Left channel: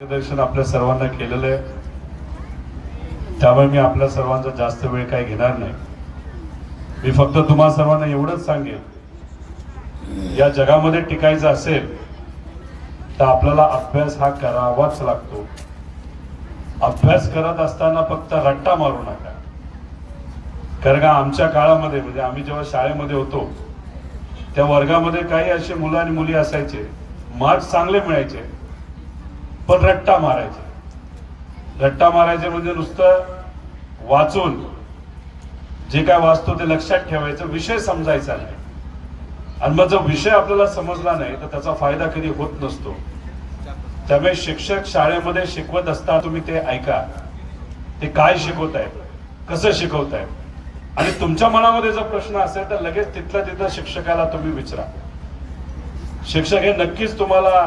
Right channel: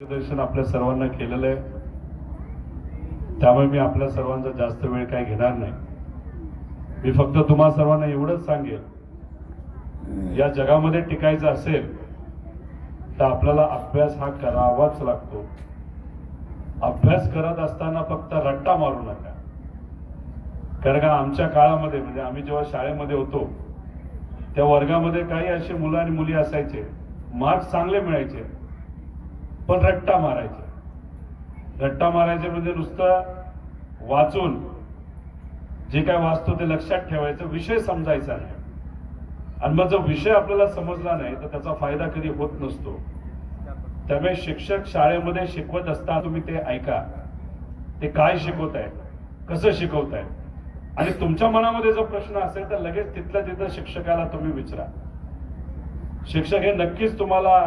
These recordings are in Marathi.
मार्गदर्शन आपल्या सर्वांना केलेलं आहे. त्यामुळे मी आपल्या सर्वांचा जास्त वेळ काही घेणार नाही. मी फक्त तुम्हा सर्वांना एवढंच सांगेल या जगामध्ये टिकायचं असेल तर आपल्याला अभ्यास हा करावाच लागतो. अभ्यास करत असताना फक्त रट्टा मारू नका. कारण का आमच्या काळामध्ये म्हणजे आम्ही जेव्हा शाळेमध्ये होतो त्या वर्गामध्ये काही असे मुलं आणि मुली असायचे मार्क्स चांगले मिळायचे पण रट्टा मारायचे. रट्टा मारायचे म्हणजे नुसतं वाचून जे काय वाचतो ते लक्षात ठेवायचं विषय समजायचा नाही. आणि मग जो विषय आपल्याला समजला नाही तर त्याचा फायदा कधी होत नसतो. त्यामुळे शिक्षक शाळेमध्ये शिकवत असता तुम्ही ते ऐका. ते काय शिकवत आहेत कसं शिकवत आहेत आणि तुमच्या मनामध्ये जर प्रश्न असेल तर लगेच तिथल्या तिथं शिक्षकाला तुम्ही विचारा. शिक्षक हे नक्कीच तुम्हाला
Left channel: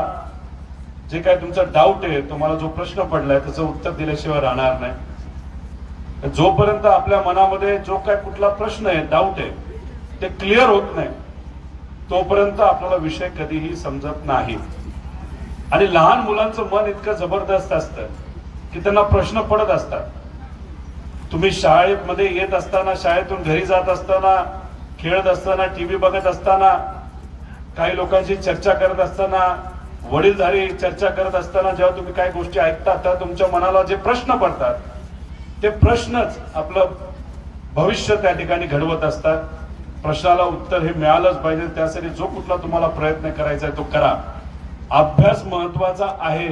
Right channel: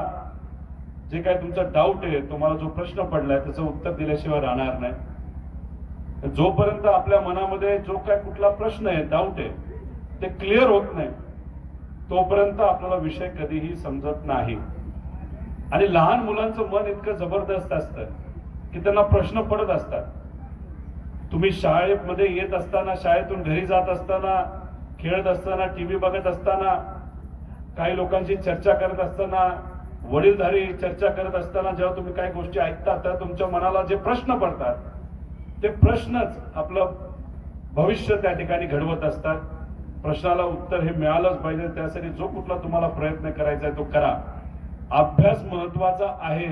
जे काय तुमचा डाऊट आहे तुम्हाला जो प्रश्न पडलाय त्याचं उत्तर दिल्याशिवाय राहणार नाही. जोपर्यंत आपल्या मनामध्ये जो काय कुठला प्रश्न आहे डाऊट आहे ते क्लिअर होत नाही तोपर्यंत आपल्याला विषय कधीही समजत नाही. आणि लहान मुलांचं मन इतकं जबरदस्त असतं की त्यांना प्रश्न पडत असतात. तुम्ही शाळेमध्ये येत असताना शाळेतून घरी जात असताना खेळत असताना टीव्ही बघत असताना काही लोकांशी चर्चा करत असताना वडीलधारी चर्चा करत असताना जेव्हा तुम्ही काही गोष्टी ऐकता तेव्हा तुमच्या मनाला जे प्रश्न पडतात ते प्रश्नच आपलं भविष्य त्या ठिकाणी घडवत असतात. प्रश्नाला उत्तर हे मिळालंच पाहिजे. त्यासाठी जो कुठला तुम्हाला प्रयत्न करायचा आहे तो करा. अभ्यास महत्त्वाचा आहे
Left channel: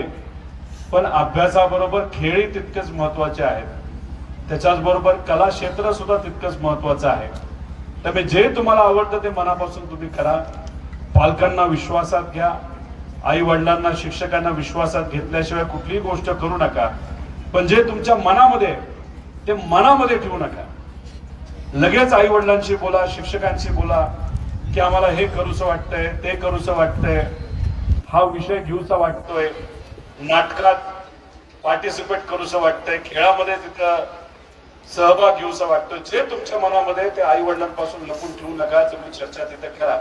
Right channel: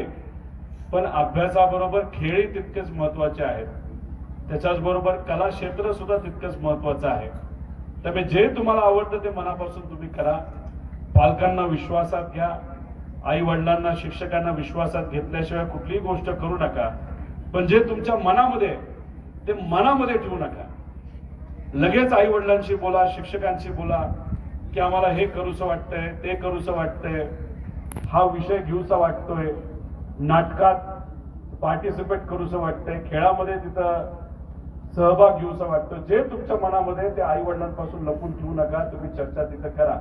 पण अभ्यासाबरोबर खेळही तितकेच महत्त्वाचे आहेत. त्याच्याच बरोबर कला क्षेत्र सुद्धा तितकंच महत्वाचं आहे. त्यामुळे जे तुम्हाला आवडतं ते मनापासून तुम्ही करा. पालकांना विश्वासात घ्या. आई वडिलांना शिक्षकांना विश्वासात घेतल्याशिवाय कुठलीही गोष्ट करू नका. पण जे तुमच्या मनामध्ये ते मनामध्ये ठेवू नका. लगेच आई वडिलांशी बोला शिक्षकांशी बोला की आम्हाला हे करूसं वाटतंय ते करूसं वाटतंय हा विषय घेऊसा वाटतोय. नाटकात पार्टिसिपेट करूसं वाटतंय खेळामध्ये तिथं सहभाग घेऊसा वाटतोय. जे तुमच्या मनामध्ये ते आई वडिलांपासून लपून ठेवू नका तुम्ही चर्चा तिथे करा.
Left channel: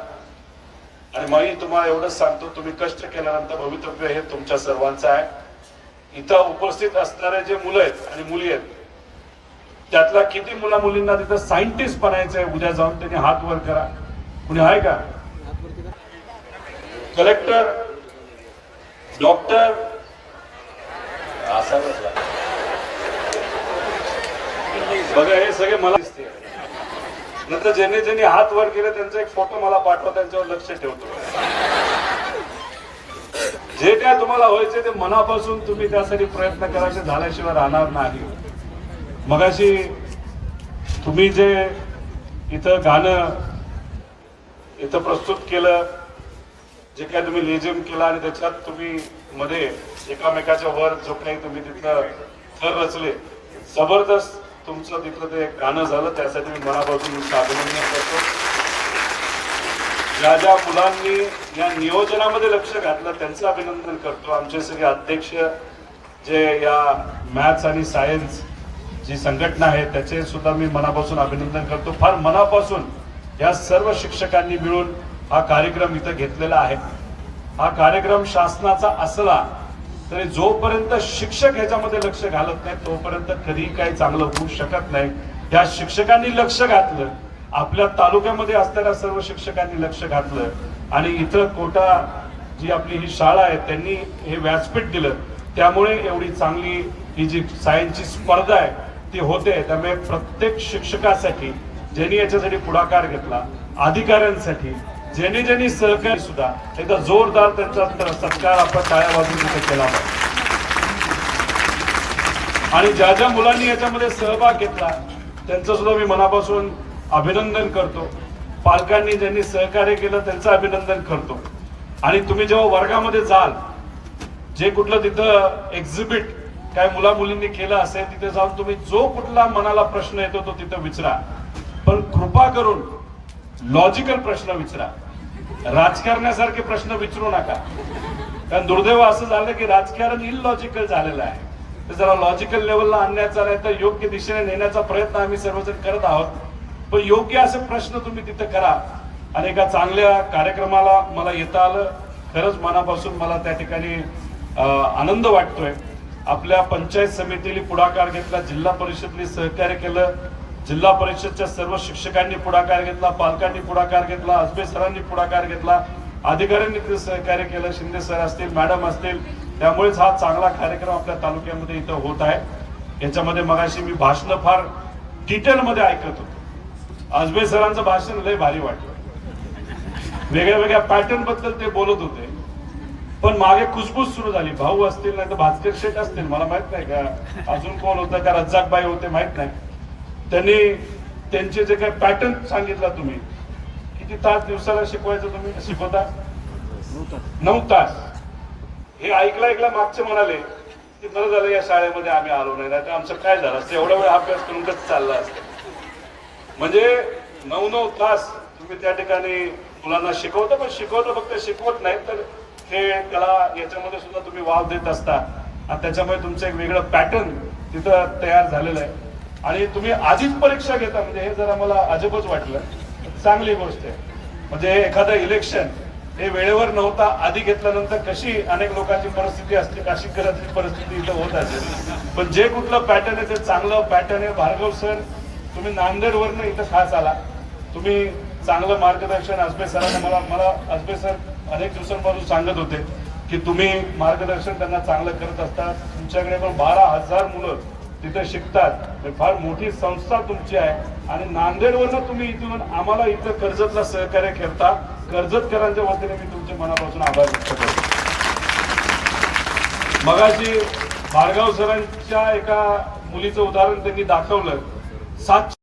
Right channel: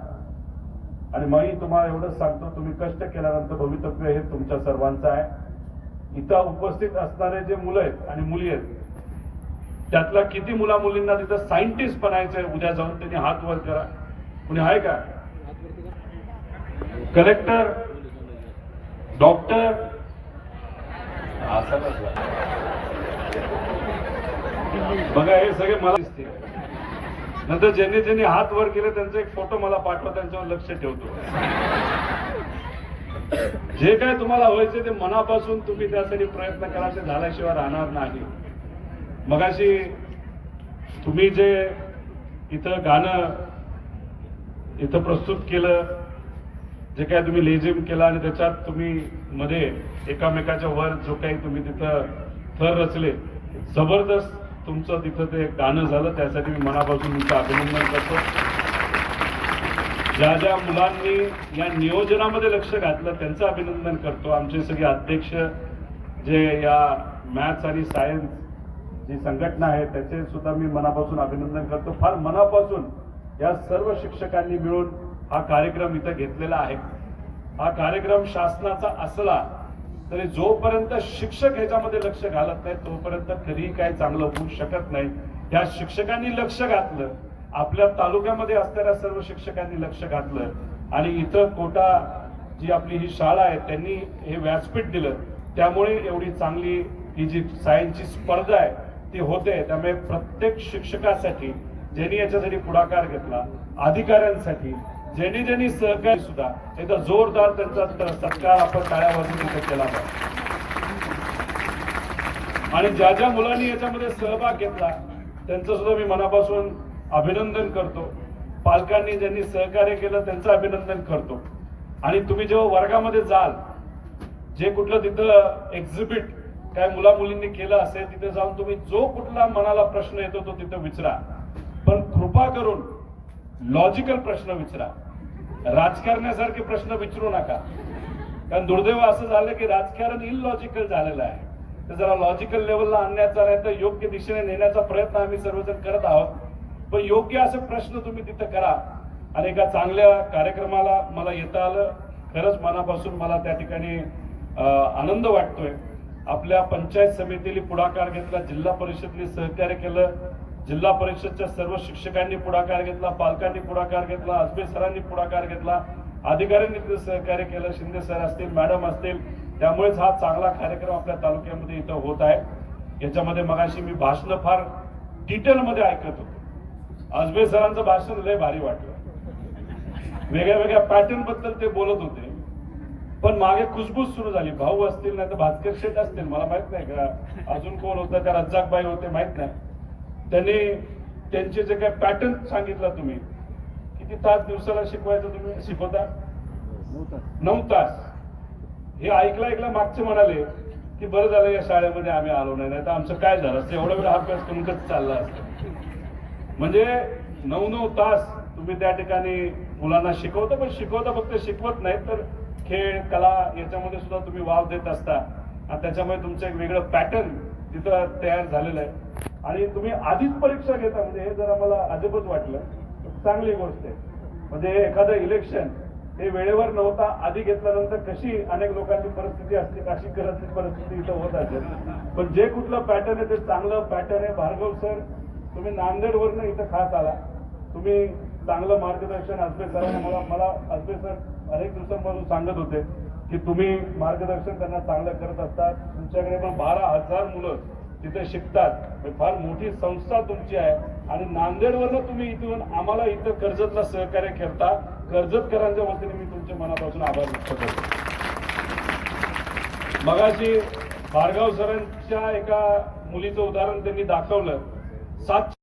आणि मी तुम्हाला एवढंच सांगतो तुम्ही कष्ट केल्यानंतर भवितव्य हे तुमच्या सर्वांचं आहे. इथं उपस्थित असणारे जे मुलं आहेत आणि मुली आहेत त्यातल्या किती मुला मुलींना तिथं सायंटिस्ट बनायचंय उद्या जाऊन त्यांनी हात वर करा. कुणी आहे का? Collector doctor. असा बघा हे सगळे मला दिसते. नंतर ज्यांनी ज्यांनी हात वर केले त्यांचा एक फोटो मला पाठवा त्यांच्यावर लक्ष ठेवतो. जे काय तुम्हाला व्हायचे ते मनापासून तुम्ही त्यासाठी प्रयत्न करायचे झाल्याशिवाय राहणार नाही. मगाशी तुम्ही जे इथं गाणं इथं प्रस्तुत केलं जे काय तुम्ही लेझिम केला आणि त्याच्यात तुम्ही मध्ये एकामेकाच्या वर जो काही तुम्ही तिथं थर रचले जबरदस्त तुमचं तिथं ते गाणं झालं त्यासाठी मी मनापासून तुमचं अभिनंदन करतो. ज्या ज्या मुलांनी या नियोजनामध्ये लक्ष घातलं त्यांचं अभिनंदन करतो. आमचे सगळे अध्यक्ष जे या मॅथ्स आणि सायन्स जी संघटना आहे त्याचे सुद्धा मी मनापासून अभिनंदन करतो. फार मनापासून या सर्व शिक्षकांनी मिळून हा कार्यक्रम इथं घेतलेला आहे. हा कार्यक्रम शासनाचा असला तरी जोपर्यंत शिक्षक ह्याच्यामध्ये लक्ष घालत नाही तोपर्यंत कधी काही चांगलं होऊ शकत नाही. त्या शिक्षकांनी लक्ष घातलं आपल्या तालुक्यामध्ये असणाऱ्या सर्व शिक्षकांनी लक्ष घातलं आणि इतर कोटा जी आपली ही शाळा आहे त्यांनी हे व्यासपीठ दिलं. त्यामुळे एवढी चांगली ही जी सायन्सची स्पर्धा आहे ती होते. त्यामुळे प्रत्येक शिक्षकासाठी ज्यांनी याच्यासाठी पुढाकार घेतला अधिकाऱ्यांसाठी ज्यांनी ज्यांनी सहकारी सुद्धा एकदा जोरदार त्यांचा सत्कार आपण टाळ्या वाजून तिथे केला आणि ज्या ज्या मुलांनी याच्यामध्ये सहभाग घेतला त्यांचं सुद्धा मी मनापासून अभिनंदन करतो. पालकांनी ज्यांनी सहकार्य केलं त्यांचं अभिनंदन करतो. आणि तुम्ही जेव्हा वर्गामध्ये जाल जे कुठलं तिथं एक्झिबिट काय मुला मुलींनी केलं असेल तिथे जाऊन तुम्ही जो कुठला मनाला प्रश्न येतो तो तिथं विचारा. पण कृपा करून लॉजिकल प्रश्न विचारा. राजकारणासारखे प्रश्न विचारू नका. कारण दुर्दैव असं झालं की राजकारण इलॉजिकल झालेलं आहे. तर जरा लॉजिकल लेवलला आणण्याचा नाही तर योग्य दिशेने नेण्याचा प्रयत्न आम्ही सर्वजण करत आहोत. पण योग्य असे प्रश्न तुम्ही तिथे करा. आणि एका चांगल्या कार्यक्रमाला मला येता आलं. खरंच मनापासून मला त्या ठिकाणी आनंद वाटतोय. आपल्या पंचायत समितीने पुढाकार घेतला जिल्हा परिषदने सहकार्य केलं. जिल्हा परिषदच्या सर्व शिक्षकांनी पुढाकार घेतला पालकांनी पुढाकार घेतला अजबे सरांनी पुढाकार घेतला अधिकाऱ्यांनी ते सहकार्य केलं शिंदे सर असतील मॅडम असतील त्यामुळेच हा चांगला कार्यक्रम आपल्या तालुक्यामध्ये इथं होत आहे. याच्यामध्ये मगाशी मी भाषण फार डिटेलमध्ये ऐकत होतो. अजबे सरांचं भाषण लय भारी वाटलं. वेगळ्या वेगळ्या पॅटर्नबद्दल ते बोलत होते. पण मागे कुसबुस सुरू झाली. भाऊ असतील नाही तर भास्कर शेठ असतील मला माहीत नाही का. अजून कोण होता का? रज्जाकबाई होते माहीत नाही. त्यांनी त्यांचे जे काय पॅटर्न सांगितला तुम्ही किती तास दिवसाला शिकवायचं तुम्ही? शिकवता? नऊ तास. हे ऐकलं ऐकलं मागचे म्हणाले की बरं झालं या शाळेमध्ये आम्ही आलो नाही. तर आमचं काय झालं? असतं एवढा वेळ अभ्यास करून कसं चालला असत? म्हणजे नऊ नऊ तास तुम्ही त्या ठिकाणी मुलांना शिकवता पण शिकवता फक्त शिकवत नाही तर खेळ कला याच्यामध्ये सुद्धा तुम्ही वाव देत असता. आणि त्याच्यामुळे तुमचं एक वेगळं पॅटर्न तिथं तयार झालेलं आहे. आणि तुम्ही आधीच परीक्षा घेता म्हणजे हे जरा मला अजबच वाटलं. चांगली गोष्ट आहे. म्हणजे एखादं इलेक्शन हे वेळेवर नव्हता आधी घेतल्यानंतर कशी अनेक लोकांची परिस्थिती असते कशी घरातली परिस्थिती इथं होत असेल. पण जे कुठलं पॅटर्न आहे ते चांगलं पॅटर्न आहे. भार्गव सर तुम्ही नांदेडवरनं इथं खास आला. तुम्ही चांगलं मार्गदर्शन असबे सरांना मला मला आजबे सर अनेक दिवसांपासून सांगत होते की तुम्ही मार्गदर्शन त्यांना चांगलं करत असतात. तुमच्याकडे पण बारा हजार मुलं तिथे शिकतात. फार मोठी संस्था तुमची आहे. आणि नांदेडवरनं तुम्ही इथून आम्हाला इथं कर्जतला सहकार्य करता कर्जतकरांच्या वतीने मी तुमच्या मनापासून आभार व्यक्त करतो. मगाशी भार्गाव सरांच्या एका मुलीचं उदाहरण त्यांनी दाखवलं. सात